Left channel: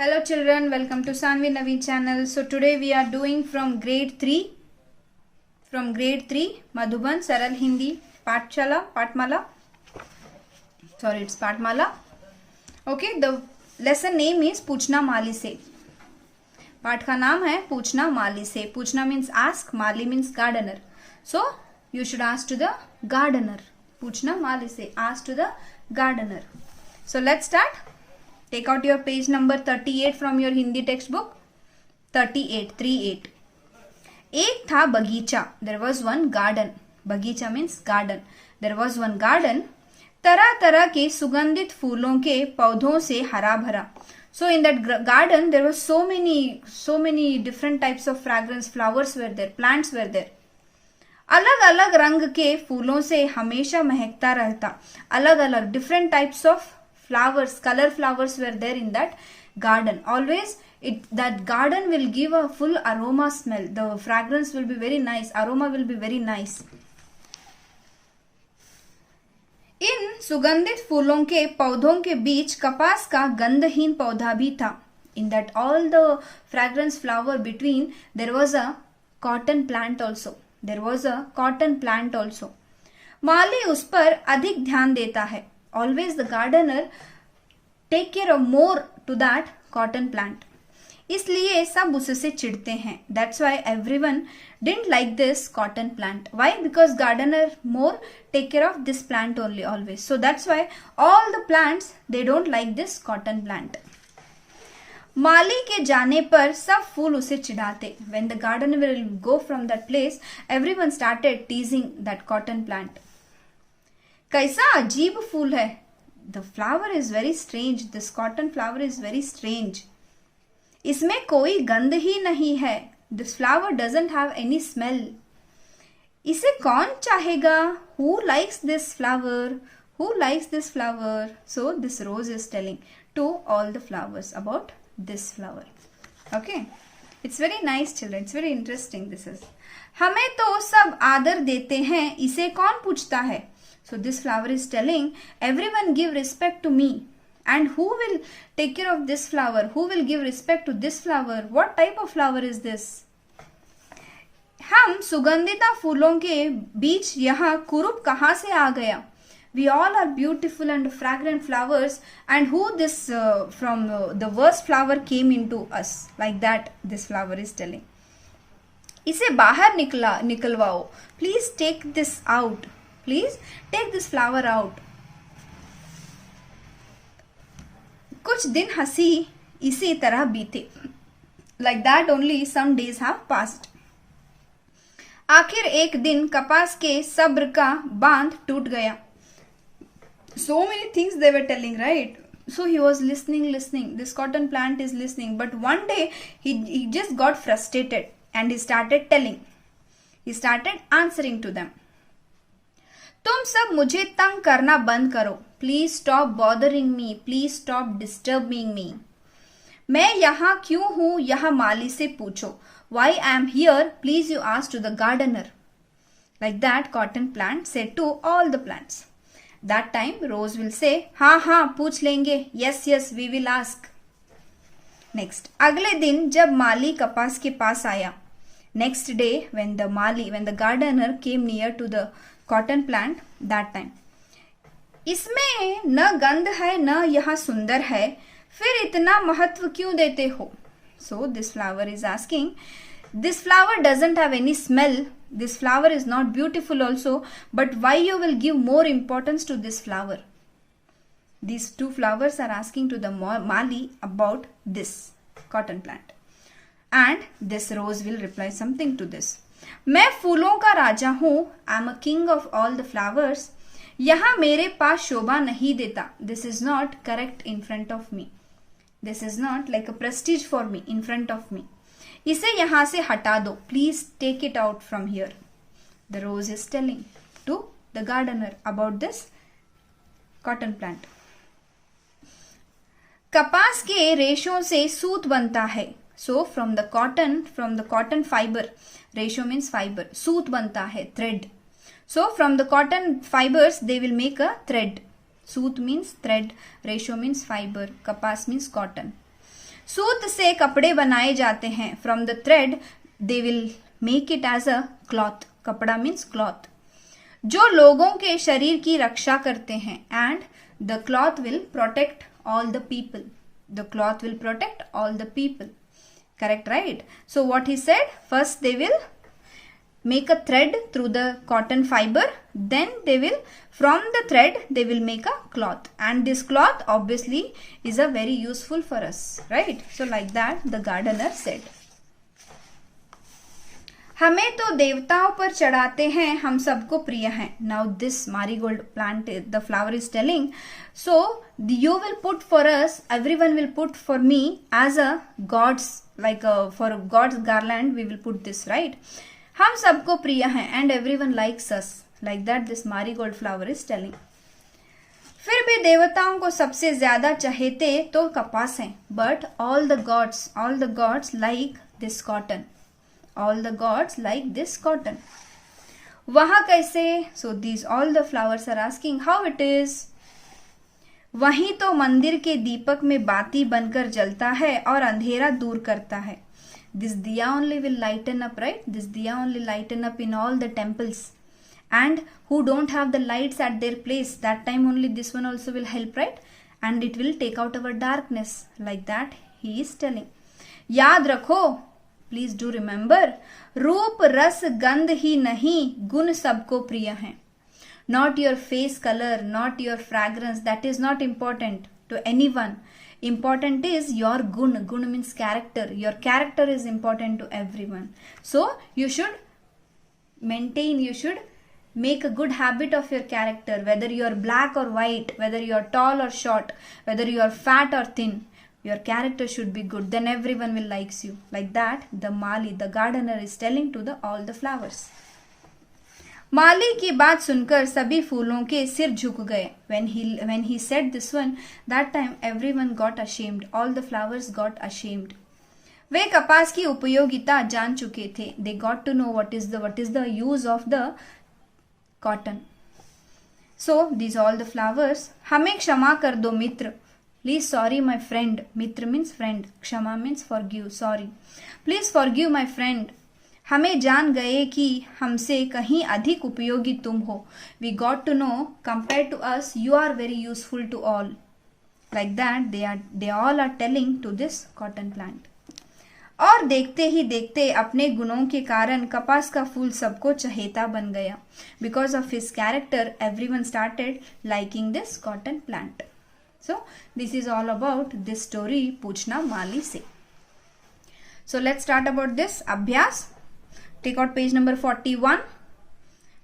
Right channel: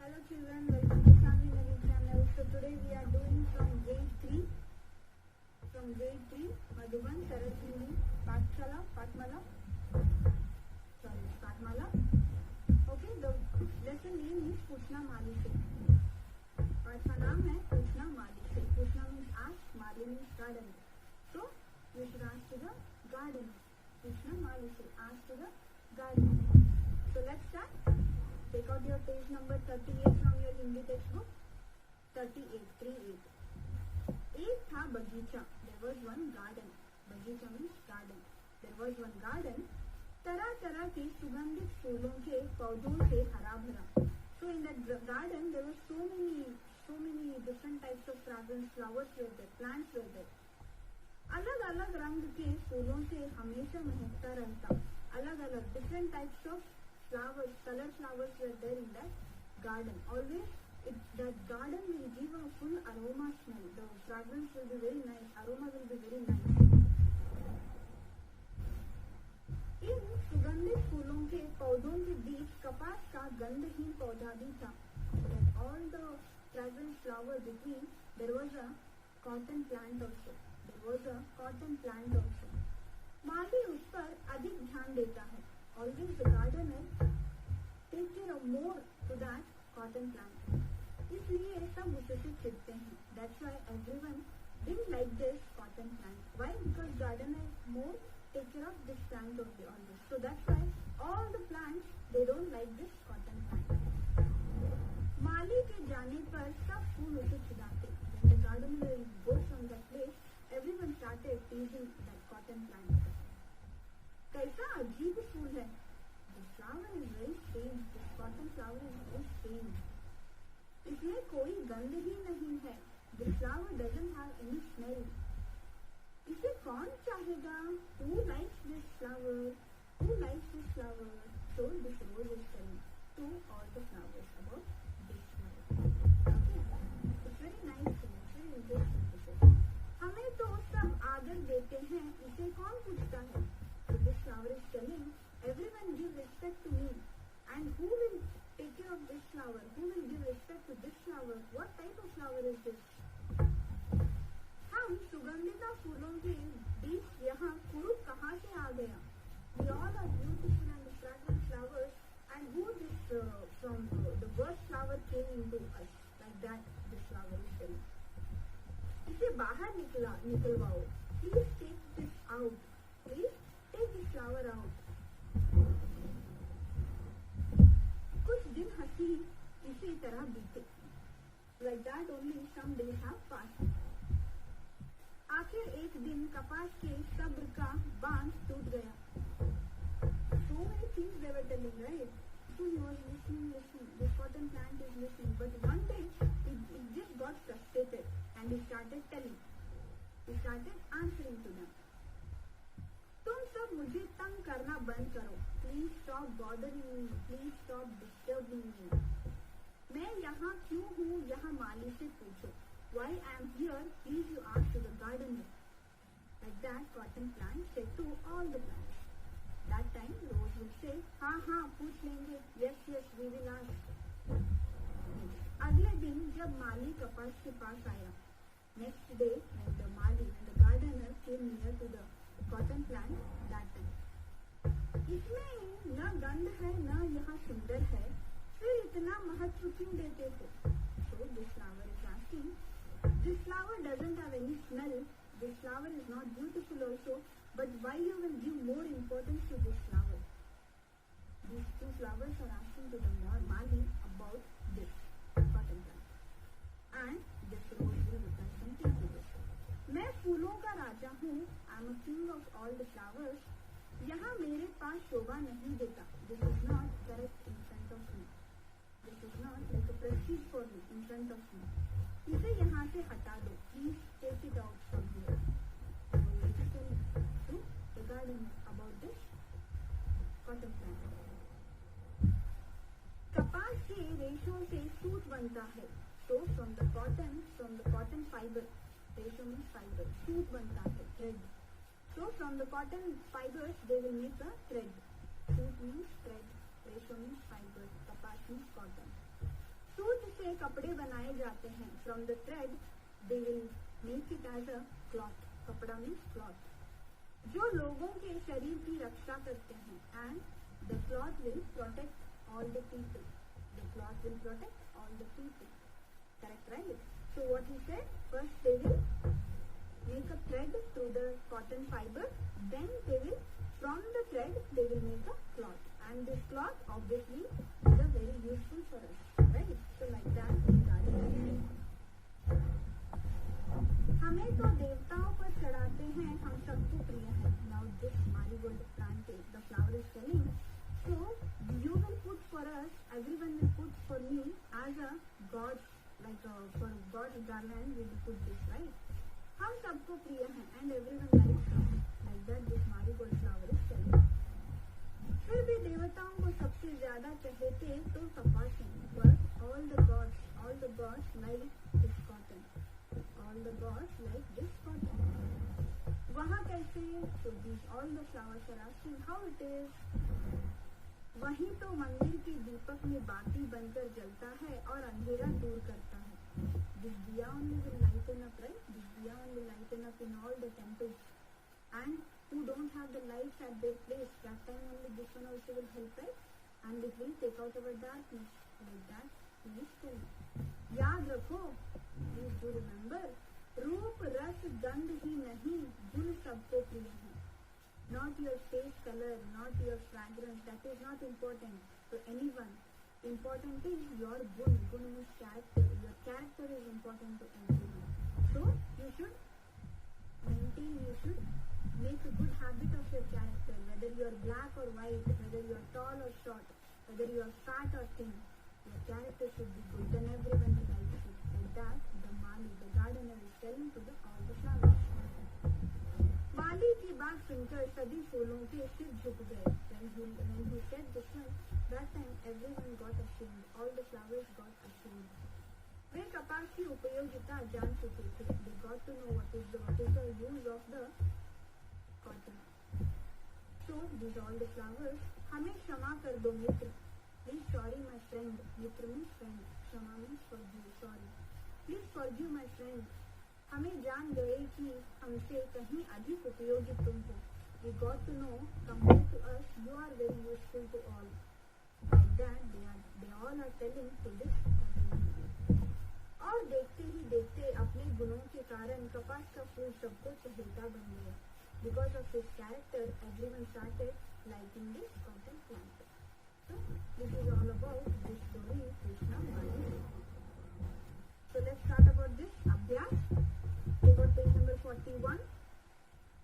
Hello children, welcome to Sanvi Navi channel. So today we are doing from grade 3 Madhuban Saral Hindi Patmala. Sorry, it's Patmala. Okay, the lesson name is पूछना माली से. पाठ का नाम है पूछना माली से. पूछना means ask, Mali means gardener. So you should ask to the gardener. पूछना माली से, ask to the gardener. So let's start. Take out your page number 38 from your Hindi textbook. 38. एक था बगीचा. There was one garden. बगीचा means garden. There was one garden. तरह तरह के सुगंधित फूलों के पौधों से हरा भरा. So in that garden there was so many different types of fragrance. Flowers were there, plants were there. अलग अलग रंग के फूलों से हमेशा महकता रहता. अलग अलग different types of flowers, color flowers were there in that garden. Always that garden will give a full aroma smell. The fragrance will be very nice, aroma will be very nice. इन सुगंधित फूलों के पौधों के बीच कपास का गंधहीन पौधा भी था. In that all the fragrance flower between there was a cotton plant also. माली उस पर अधिक ध्यान देता है. Always the gardener take care of more to that cotton plant. इसलिए सब उससे चिढ़ते हैं. That's why everyone didn't like this cotton plant. Why? Because gardener more take care of this plant only always. So that's why all the plants they don't like this cotton plant. माली के जाने पर सब फूल उसे चिढ़ाते. When the gardener will go from that place, everyone started teasing that cotton plant. कैसा अजीब फूल है. The flower is very strange. This cotton flower is very strange. इसमें कोई गंध ही नहीं है. This flower doesn't have any smell. इसे कौन चाहेगा? Who likes this flower? So this rose is telling to all the flowers about this flower. Okay. It's very nice children. It's very interesting this is. हमें तो सब आदर देते हैं. इसे कौन पूछता है? So this flower is telling everyone give respect to me. And who will take care of this flower? Who will give respect to this flower? What type of flower is this? हम सुगंधिता फूलों के बीच यहाँ कुरूप कहाँ से आ गया? We all are beautiful and fragrant flowers. And who this from the worst flower came into us? Like that this flower is telling. इसे बाहर निकलवाओ. Please take this out. Please take this flower out. कुछ दिन हंसी इसी तरह बीते. Like that only some days have passed. आखिर एक दिन कपास के सब्र का बांध टूट गया. So many things they were telling, right? So he was listening. This cotton plant is listening. But one day he just got frustrated and he started telling. He started answering to them. तुम सब मुझे तंग करना बंद करो. Please stop bothering me. Please stop disturbing me. मैं यहाँ क्यों हूँ यह माली से पूछो. Why I am here please you ask to the gardener. Like that cotton plant said to all the plants. That time rose will say हाँ पूछ लेंगे. Yes we will ask. Next अगले दिन जब माली कपास के पास आया. Next day when the gardener came near to the cotton plant that time. इसमें न गंध है न यह सुंदर है. फिर इतना महत्व क्यों देते हो? So this flower is asking. This flower doesn't have any smell. This flower is not beautiful also. But why you will give more importance to this flower? These two flowers are asking to the Mali about this cotton plant. And this rose will reply something to this. मैं फूलों का राजा हूँ. I am a king of all the flowers. यहाँ मेरे पास शोभा नहीं देता. This is not correct in front of me. This is not like a prestige for me in front of me. इसे यहाँ से हटा दो. Please take it out from here. The rose is telling to the gardener about this cotton plant. कपास के रेशों से सूत बनता है. So from the cotton fiber, ratio means fiber, सूत बनता है, thread. So from the cotton fibers they will make a thread. Suta means thread, ratio means fiber, कपास means cotton. सूत से कपड़े बनाए जाते हैं. From the thread they will make it as a cloth. कपड़ा means cloth. जो लोगों के शरीर की रक्षा करते हैं. And the cloth will protect all the people. The cloth will protect all the people. Correct, right? So what he said, first they will make a thread through the cotton fiber, then they will, from the thread they will make a cloth, and this cloth obviously is a very useful for us, right? So like that the gardener said. हमें तो देवताओं पर चढ़ाते हैं, हम सबको प्रिय हैं. Now this marigold plant, the flower is telling, so you will put for us, everyone will put for me as a god's, like for god's garland we will put this, right? हम सबको प्रिय हैं and everyone likes us. Like that this marigold flower is telling. फिर भी देवताओं को सबसे ज्यादा चहेते तो कपास हैं. But all the gods like this cotton. All the gods like this cotton. वहाँ कैसे? So these all the flowers are asking how it is. वहीं तो मंदिर के दीपक में बाती बनकर जलता है और अंधेरा दूर करता है. This diya only will lighten up, right? This diya only lighten up in all the temples. And who don't have the lights at their place, that time only this one also will help, right? And it will take out our darkness. Like that he is telling. याद रखो, please do remember, रूप रस गंध ही नहीं, गुण सबको प्रिय हैं. Not your face color, not your fragrance, that is not important to anyone. Important is your gun. Gun means character. Your character is important to everyone. So you should maintain, you should make a good habit of your character, whether you are black or white, whether you are tall or short, whether you are fat or thin. Your character should be good, then everyone will likes you. Like that the Mali, the gardener, is telling to the all the flowers. माली की बात सुनकर सभी फूलों के सिर झुक गए. When he said this one, that time everyone got ashamed. All the flowers got ashamed. वे कपास की उपयोगिता जान चुके थे. They got to know what is the use of the cotton. So these all the flowers. हमें क्षमा कर दो मित्र. Please sorry my friend. Mitra means friend. क्षमा means forgive. Sorry. Please forgive my friend. हमें जान गए कि हमसे कहीं अधिक उपयोगी तुम हो. We got to know, compared to us, you are very useful to all. Like that they all are telling to this cotton plant. और देखते ही देखते अपने गुणों के कारण कपास का फूल सबको चहेता बन गया. Because of his character, everyone started liking this cotton plant. So this is all about this story पूछना माली से. So let's start about this अभ्यास. Take out page number 41.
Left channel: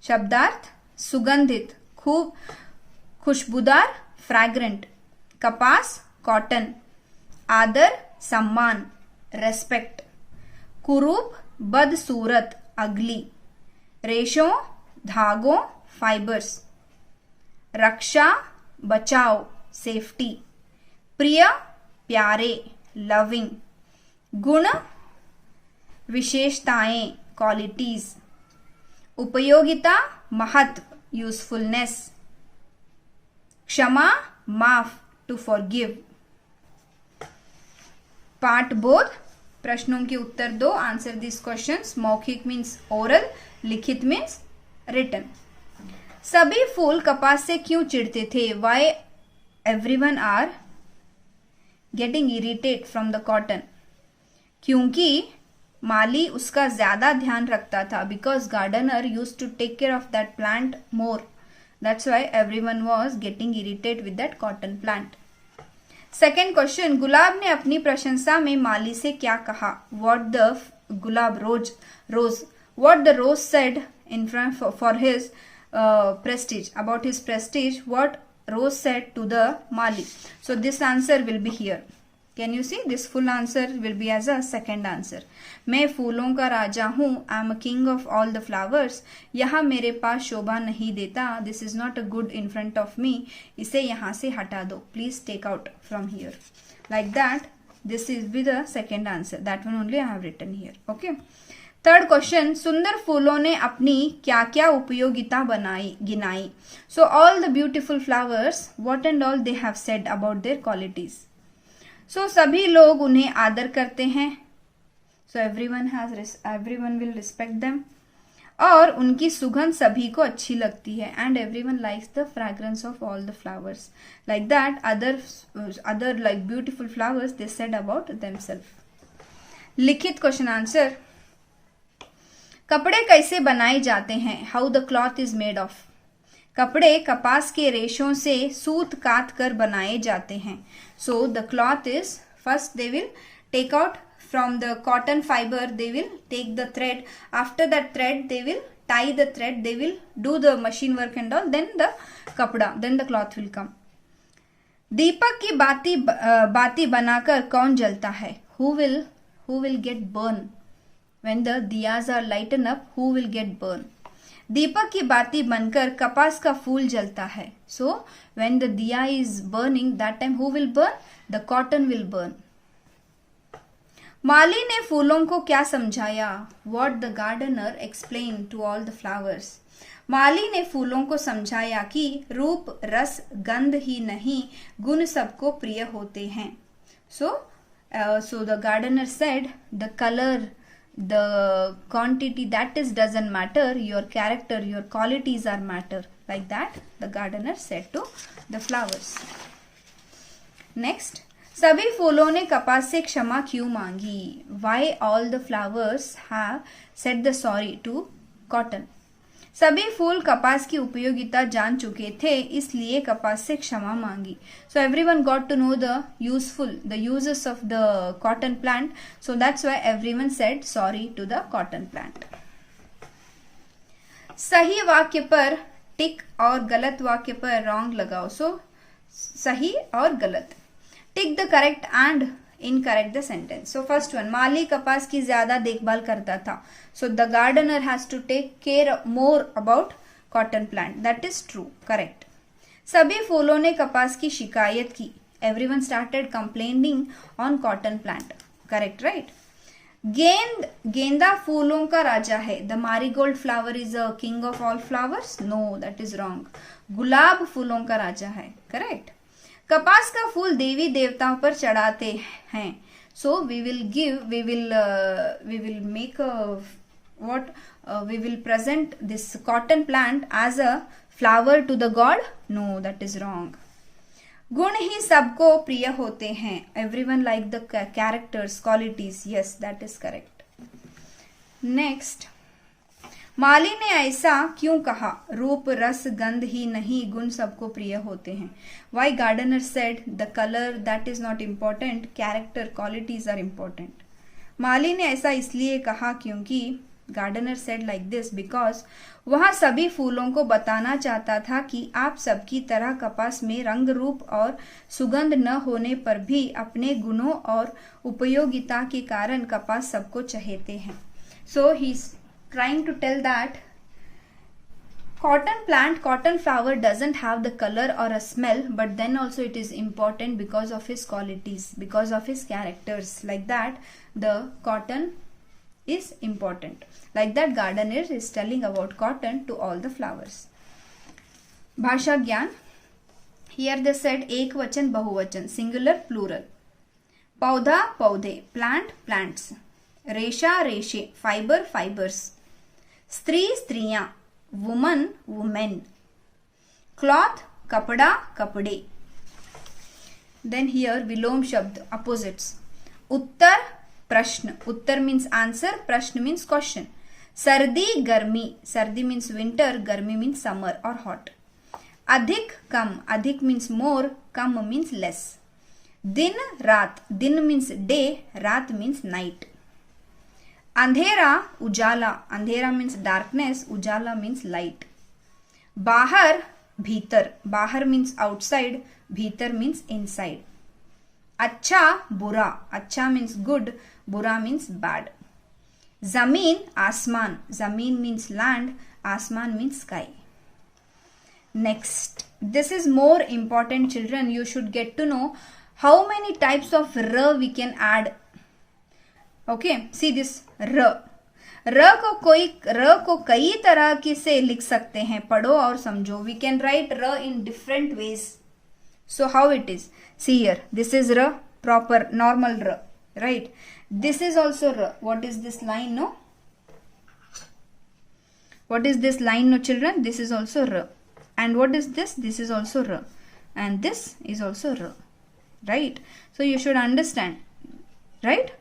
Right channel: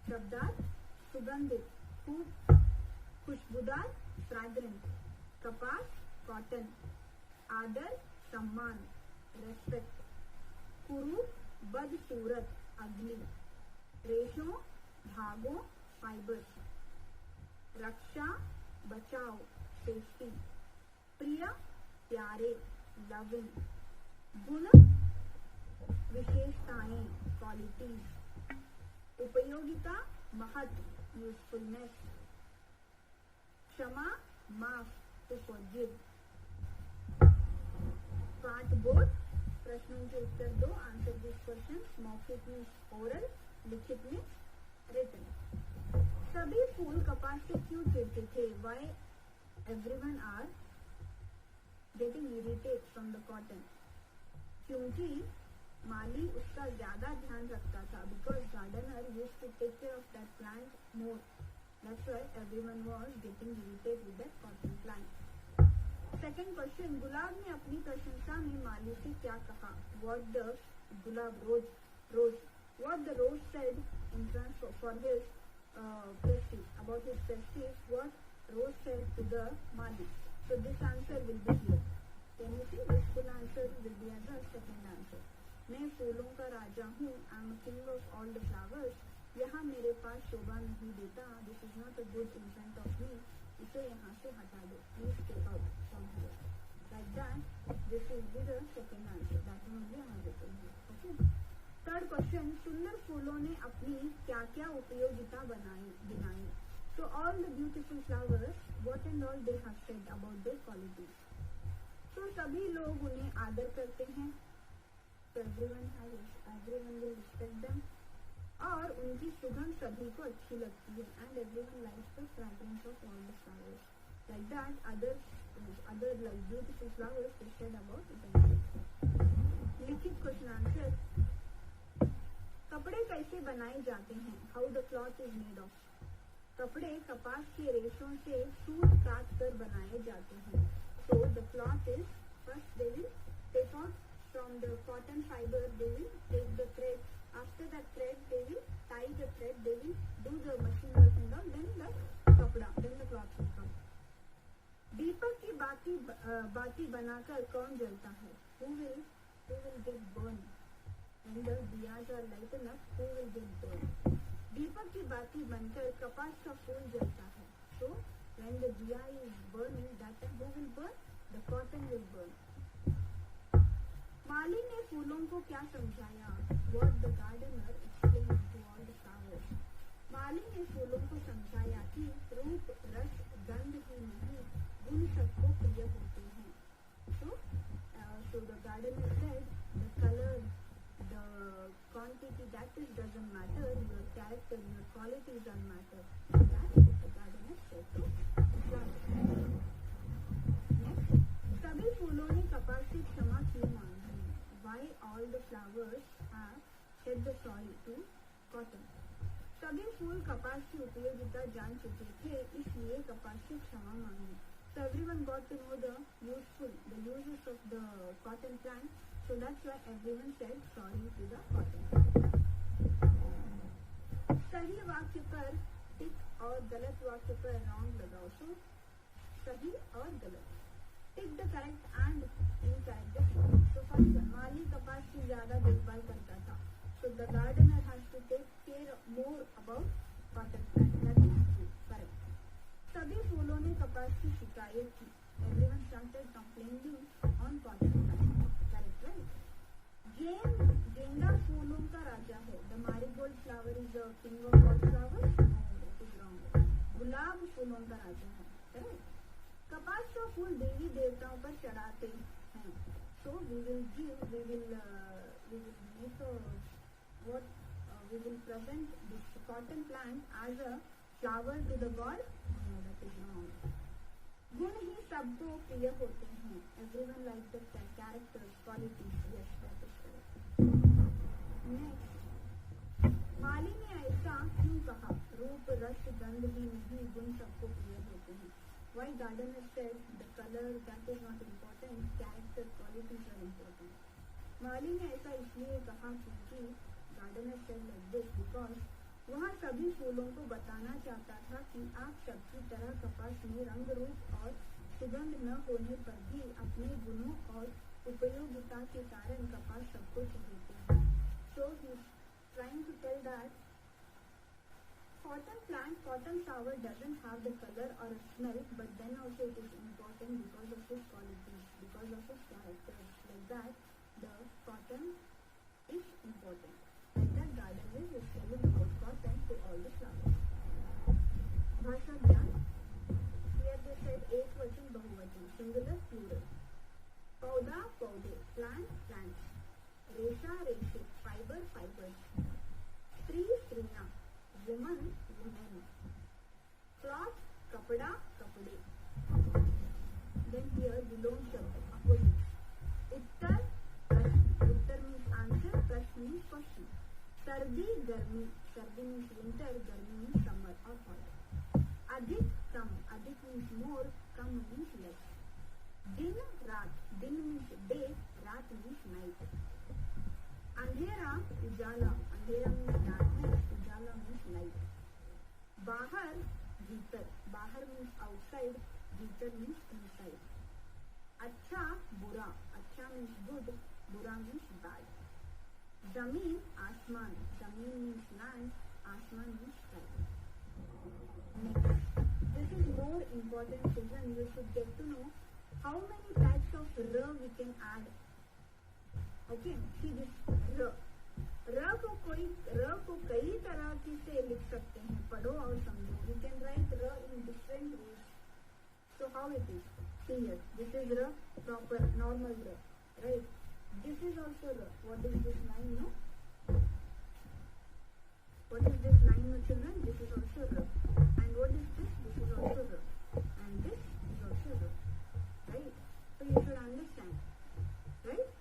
शब्दार्थ सुगंधित, खूब खुशबूदार, फ्रैग्रेंट. कपास कॉटन. आदर सम्मान, रेस्पेक्ट. कुरूप बदसूरत, अगली. रेशों धागों, फाइबर्स. रक्षा बचाओ, सेफ्टी. प्रिय प्यारे, लविंग. गुण विशेषताएं, क्वालिटीज. उपयोगिता महत्व, यूजफुलनेस. क्षमा माफ, टू फॉरगिव. पाठबोध प्रश्नों के उत्तर दो. Answer this questions. मौखिक मीन्स ओरल, लिखित मीन्स रिटन. सभी फूल कपास से क्यों चिढ़ते थे? Why everyone are getting irritate from the cotton? क्योंकि माली उसका ज्यादा ध्यान रखता था. Because gardener use to take care of that plant more. That's why everyone was getting irritate with that cotton plant. Second question. गुलाब ने अपनी प्रशंसा में माली से क्या कहा? व्हाट द गुलाब रोज what the rose said in front for his prestige, about his prestige, what Rose said to the Mali. So this answer will be here. Can you see? This full answer will be as a second answer. मैं फूलों का राजा हूँ. I am a king of all the flowers. यहाँ मेरे पास शोभा नहीं देता. This is not a good in front of me. इसे यहाँ से हटा दो. Please take out from here. Like that. This is be the second answer. That one only I have written here. Okay. Third question. सुंदर फूलों ने अपनी क्या क्या उपयोगिता गिनाई. So all the beautiful flowers, what and all they have said about their qualities. So सभी लोग उन्हें आदर करते हैं. सो everyone will respect them. और उनकी सुगंध सभी को अच्छी लगती है. And everyone likes the fragrance of all the flowers. Like that, other like beautiful flowers they said about themselves. लिखित क्वेश्चन आंसर. कपड़े कैसे बनाए जाते हैं? How the cloth is made of. कपड़े कपास के रेशों से सूत काट कर बनाए जाते हैं. So the cloth is first they will take out from the cotton fiber, they will take the thread. After that thread they will tie the thread, they will do the machine work and all, then the kapda, then the cloth will come. दीपक की बाती बनाकर कौन जलता है? who will get burn when the diyas are lighten up? who will get burn? दीपक की बाती बनकर कपास का फूल जलता है. so when the diya is burning, that time who will burn? the cotton will burn. माली ने फूलों को क्या समझाया? What the gardener explained to all the flowers. माली ने फूलों को समझाया कि रूप रस गंध ही नहीं गुण सबको प्रिय होते हैं. So the gardener said the color, the quantity, that is doesn't matter, your character, your qualities are matter. Like that the gardener said to the flowers. Next, सभी फूलों ने कपास से क्षमा क्यों मांगी? Why all the flowers have said the sorry to cotton? सभी फूल कपास की उपयोगिता जान चुके थे, इसलिए कपास से क्षमा मांगी. So everyone got to know the uses of the cotton plant. So that's why everyone said sorry to the cotton plant. सही वाक्य पर टिक और गलत वाक्य पर रॉन्ग लगाओ. So सही और गलत. Tick the correct and incorrect the sentence. So first one, माली कपास की ज्यादा देखभाल करता था. So the gardener has to take care more about cotton plant. That is true, correct. सभी फूलों ने कपास की शिकायत की. Everyone started complaining on cotton plant. Correct, right. गेंदा फूलों का राजा है. The marigold flower is a king of all flowers. No, that is wrong. गुलाब फूलों का राजा है. करेक्ट. कपास का फूल देवी देवताओं पर चढ़ाते हैं. So we will make we will present this cotton plant as a flower to the god. No, that is wrong. गुण ही सबको प्रिय होते हैं. Everyone like the characters, qualities. Yes, that is correct. Next, माली ने ऐसा क्यों कहा? रूप रस गंध ही नहीं गुण सबको प्रिय होते हैं. Why gardener said the colour that is not important, character qualities are important. माली ने ऐसा इसलिए कहा क्योंकि gardener said like this because वह सभी फूलों को बताना चाहता था कि आप सबकी तरह कपास में रंग रूप और सुगंध न होने पर भी अपने गुणों और उपयोगिता के कारण कपास सबको चहेते हैं. सो ही trying to tell that cotton flower doesn't have the color or a smell, but then also it is important because of his qualities, because of his characters. Like that the cotton is important. Like that gardener is telling about cotton to all the flowers. भाषा ज्ञान. Here they said एक वचन बहुवचन, singular plural. पौधा पौधे, plant plants. रेशा रेशे, fibre fibres. स्त्री स्त्रियां, वुमन वुमेन. क्लॉथ कपड़ा कपड़े. देन हियर विलोम शब्द, अपोजिट्स. उत्तर प्रश्न, उत्तर मीन्स आंसर, प्रश्न मीन्स क्वेश्चन. सर्दी गर्मी, सर्दी मीन्स विंटर, गर्मी मीन्स समर और हॉट. अधिक कम, अधिक means more, come means less. दिन रात, दिन मीन्स डे, रात मीन्स नाइट. अंधेरा उजाला, अंधेरा मीन्स डार्कनेस, उजाला मीन्स लाइट. बाहर भीतर, बाहर मीन्स आउटसाइड, भीतर मीन्स इनसाइड. अच्छा बुरा, अच्छा मीन्स गुड, बुरा मीन्स बैड. जमीन आसमान, जमीन मीन्स लैंड, आसमान means sky. Next, this is more important, children. You should get to know how many types of r we can add. Okay, see this r. र को कई तरह के से लिख सकते हैं. पढ़ो और समझो. We can write r in different ways. So how it is? See here, this is r. proper normal r, right? This is also r. What is this line, no? What is this line, no children? This is also r. And what is this? This is also r. And this is also r, right? So you should understand, right?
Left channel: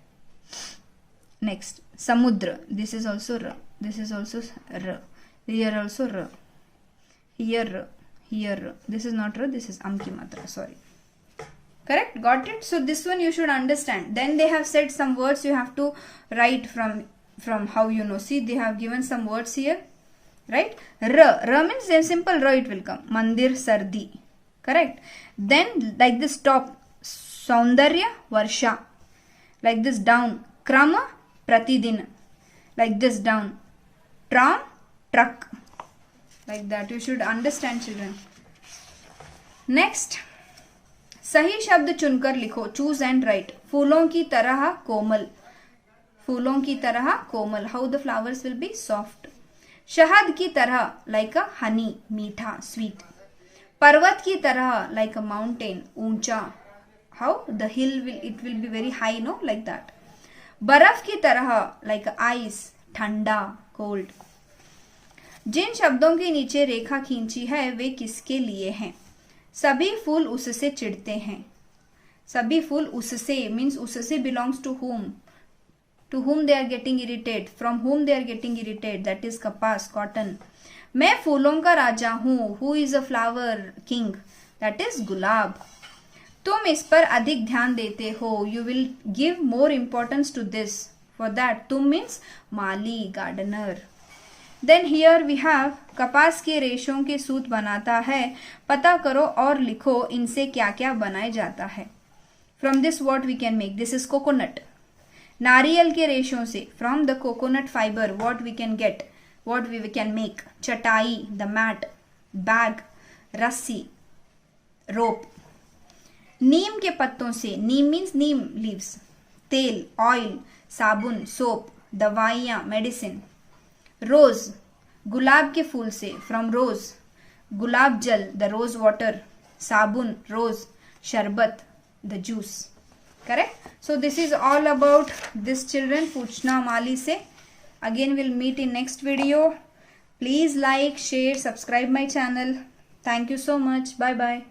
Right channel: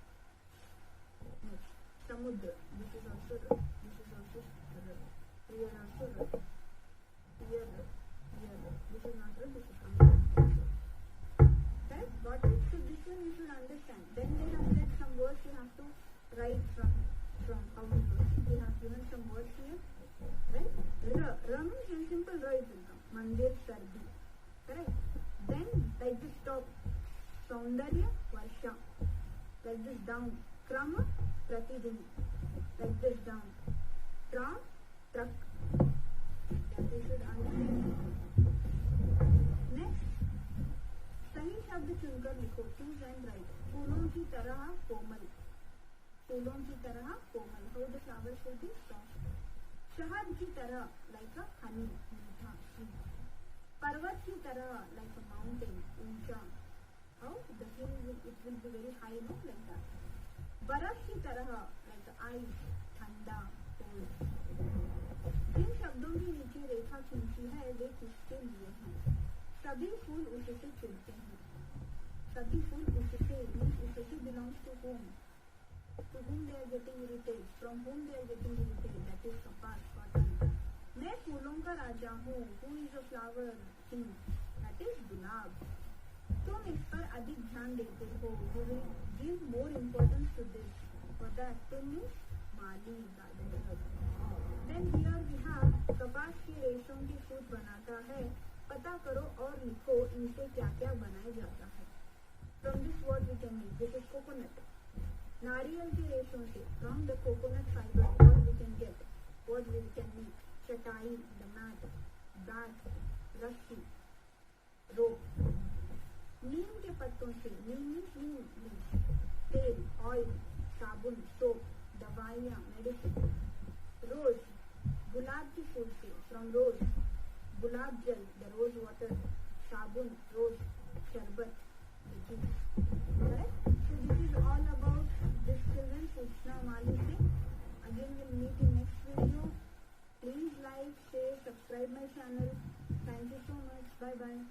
Next, samudra. This is also r. This is also r. Here also r. Here r. Here r. This is not r. This is amki matra. Sorry. Correct? Got it? So this one you should understand. Then they have said some words you have to write from how you know. See, they have given some words here, right? R means a simple r it will come. Mandir sardi. Correct? Then like this top, saundarya varsha. Like this down, krama pratidin. Like this down, tram truck. Like that you should understand, children. Next, सही शब्द चुनकर लिखो. Choose and write. फूलों की तरह कोमल. फूलों की तरह कोमल. How the flowers will be soft. शहद की तरह लाइक अ हनी, मीठा, स्वीट. पर्वत की तरह लाइक अ माउंटेन, ऊंचा. How the hill will, it will be very high, no, like that. बर्फ की तरह लाइक अ आइस, ठंडा, कोल्ड. जिन शब्दों के नीचे रेखा खींची है वे किसके लिए हैं? सभी फूल उससे चिढ़ते हैं. सभी फूल उससे मीन्स उससे belongs to whom they are getting irritated, from whom they are getting irritated, that is कपास, कॉटन. मैं फूलों का राजा हूँ. who is a flower king, that is गुलाब. तुम इस पर अधिक ध्यान देते हो. you will give more importance to this. for that तुम means माली, gardener. Then here we have कपास के रेशों के सूत बनाता है. पता करो और लिखो इनसे क्या क्या बनाया जाता है. From this what we can make. This is coconut. नारियल के रेशों से, from the coconut fibre what we can get, what we can make. चटाई, द मैट, बैग, रस्सी, रोप. नीम के पत्तों से, नीम मीन्स नीम लीव्स. तेल, ऑयल, साबुन, सोप, दवाइयाँ, मेडिसिन. रोज, गुलाब के फूल से, फ्रॉम रोज. गुलाब जल, द रोज वाटर. साबुन, रोज. शरबत, the juice. Correct. So this is all about this children. पूछना माली से. Again will meet in next video. Please like, share, subscribe my channel. Thank you so much. Bye bye.